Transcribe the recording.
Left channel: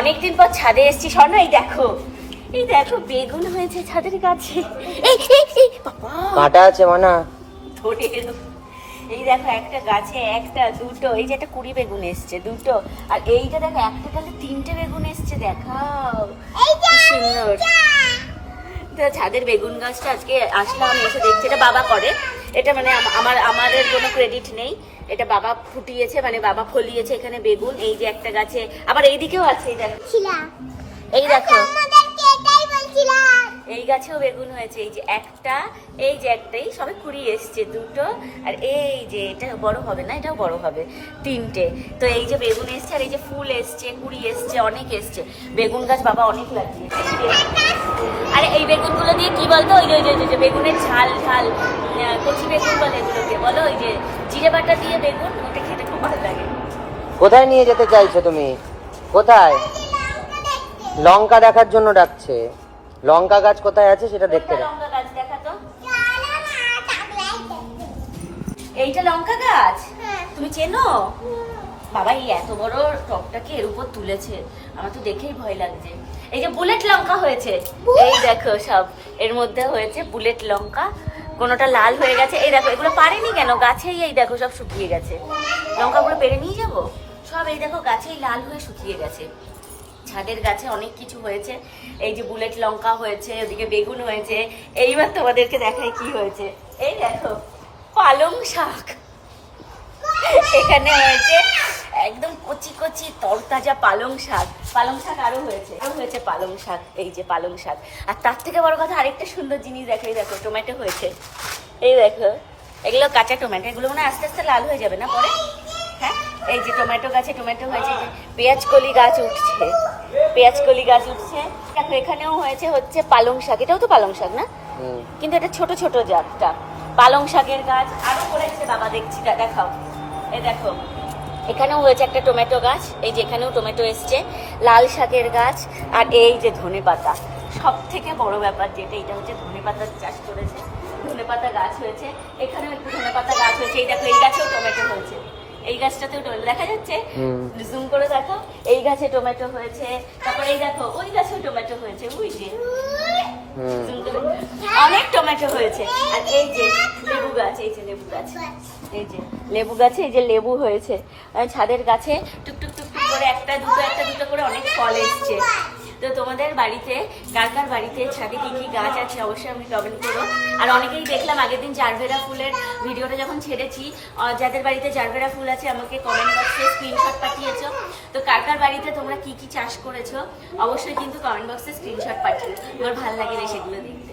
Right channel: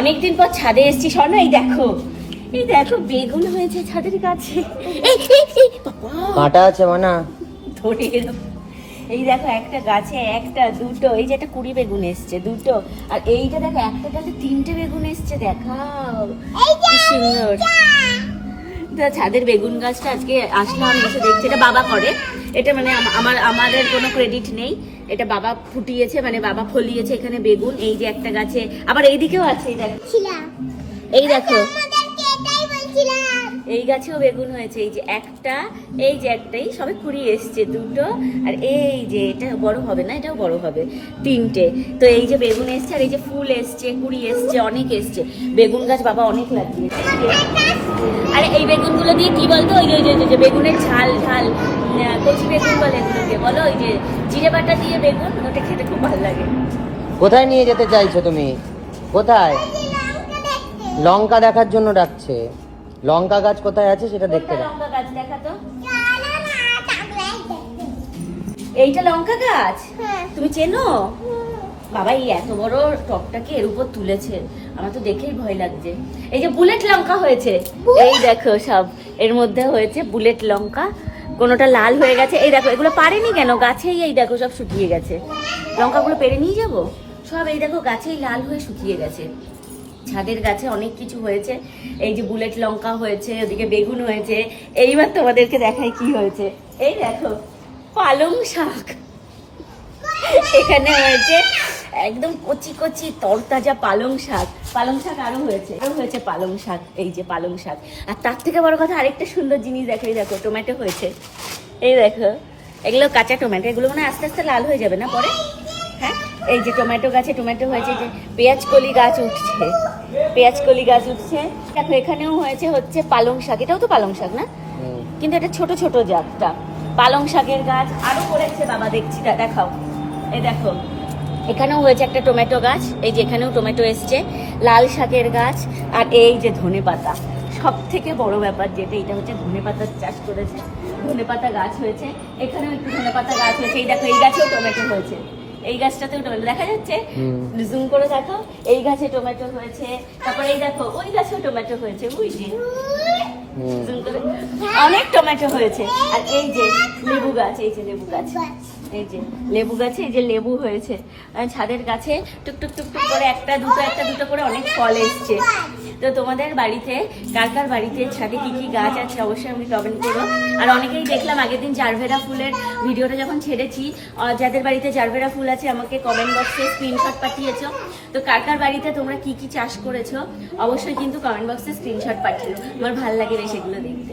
অনেকদিন পর ছাদে এসেছি, শোনো এই দেখো বেগুন হয়েছে ছাদের কাছে। কাঁটা আছে মানা ধরে এই দেখো একটা গাছে একটা দুটো, এই যে একটা কুড়ি বেগুন এসছে দুটো, আর এইটা দেখো একটা ডালে তিনটে বেগুন এসছে, দেখাও কি সুন্দর। তো ছাদের বেগুন গাছটা আজকে আসলাম, এসে দেখছি, এটা বাবা করে, এটা মানে আমাদের কোনো ক্রেডিট নেই, এটা বাবা ফুটিয়েছে, মানে বাবা ফলিয়েছে এখানে বেগুন। এই যে একটা গাছে, আবার এইদিকেও আছে, এই দেখো এই গাছেও বেগুন হয়েছে, এই যে একটা, এই যে একটাই সবে কুড়ি এসছে দুটো, আর এই যে এটা বড় হবে না, এটাও বড় হবে, তিনটে। তো এই যে বেগুন এসছে, আর এই যে ফুল এসছে, কুড়ি এসছে, অনেক এসছে। বেগুন গাছ বাবা অনেক লাগিয়েছে। আরে এই বেগুনগুলো দিয়ে কি বলতো, ওই যে বেগুনের ঝাল ঝাল কচি বেগুন বলে এগুলোকে, বলো ওই যে জিরে বাটা দিয়ে বেগুন, ওটা খেতে খুব ভালো লাগে। কোথায় নিয়ে যেতে চাইছো তুমি? কোথায়? লঙ্কা দেখার জন্য ডাকছে। লঙ্কা গাছ কোথায় আছে সেটা দেখতে দাও। লঙ্কা গাছ দেখাতো, এইটা লঙ্কা গাছ, তুমি চেনো? বাবা এই এত বড় টপটাকে এর উপর তুলেছে, আমার তো দেখেই ভয় লাগছে। এই যে বুলেট লঙ্কা হয়েছে, এই দেখো সব এর মধ্যে হয়েছে বুলেট লঙ্কা, কোনোটা লাল হয়ে গেছে, এই দেখো এগুলো পারেনি কেন গাছেই, এই দেখো সব শুকিয়ে গেছে, লঙ্কাগুলো পেরে নিয়ে যাবো সব, এই দেখো গাছেই লাল হয়ে শুকিয়ে গেছে। ছাদের গাছে অনেক কিছু হয়েছে, এই যে বুলেট লঙ্কা হয়েছে, ওদিকে বেগুন হয়েছে। এইবার তোমাদেরকে দেখাই কি হয়েছে, এই দেখো পালং শাক এখানে হয়েছে, একদম কচি কচি তরতাজা পালং শাক। পালং শাক আরো হয়েছে, এটাও হয়েছে পালং শাক, এই যে পালং শাক। আর তার থেকে বড় কথা আরেকটা সুন্দর জিনিস দেখো, এই দেখো টমেটো হয়েছে, এই দেখো এগুলো কাঁচা টমেটো, এগুলো মানে আস্তে আস্তে লাল হয়ে যাবে না পরে। হ্যাঁ এই যে টমেটো গাছে টমেটো হয়েছে, যে পেঁয়াজ কলি গাছ উঠছে, পেঁয়াজ কলি গাছ উঠছে। দেখো এখানেও হয়েছে হচ্ছে পালং শাক, এটাও তো পালং শাক না, কিন্তু এটা ছোট ছোট জাতটা। পালং শাকের গাছ আরো করেছে বাবা, দেখছি, দেখাও, এই দেখো এখানেও হয়েছে একটা টমেটো গাছ, এই যে এখানেও টমেটো এসছে, লাল শাকের গাছ, আর এই যে ধনেপাতা। সব থেকে বড় ব্যাপার যেটা, এটা হচ্ছে ধনেপাতার চাষ করেছে, ধনেপাতা গাছ হয়েছে, এখানেও একটু ধনেপাতা গাছ হয়েছে। এই দেখো এই গাছেও টমেটো হয়েছে, এই গাছটাতেও টমেটো দেখা যাচ্ছে, জুম করে দেখো, এই গাছে টমেটো হয়েছে, তারপরে এই দেখো ওই গাছেও টমেটো হয়েছে, বুঝলি অনেক টমেটো হয়েছে। আর এই যে লেবু গাছ, এই যে লেবু গাছ, এই যে লেবু গাছে এই যে লেবু হয়েছে, ছাদের গাছে টুকটুক টুকটুক করে একটা দুটো করে অনেক ফল এসছে। তো তোমাদের বাড়িতে কার কার বাড়িতে ছাদে কি কি গাছ আছে অবশ্যই আমি কমেন্ট করো। আর অনেকেই দেখলাম আগের দিন জারভেরা ফুলের ভিডিওটা যখন ছেড়েছি, যাদের বাড়িতে জারভেরা ফুল আছে আমাকে কমেন্ট বক্সে স্ক্রিনশট পাঠিয়েছো। তো কার কার বাড়িতে তোমরা কি কি চাষ করেছো অবশ্যই কিন্তু কমেন্ট বক্সে স্ক্রিনশট পাঠিও, আমার ভালো লাগে সেগুলো দেখতে।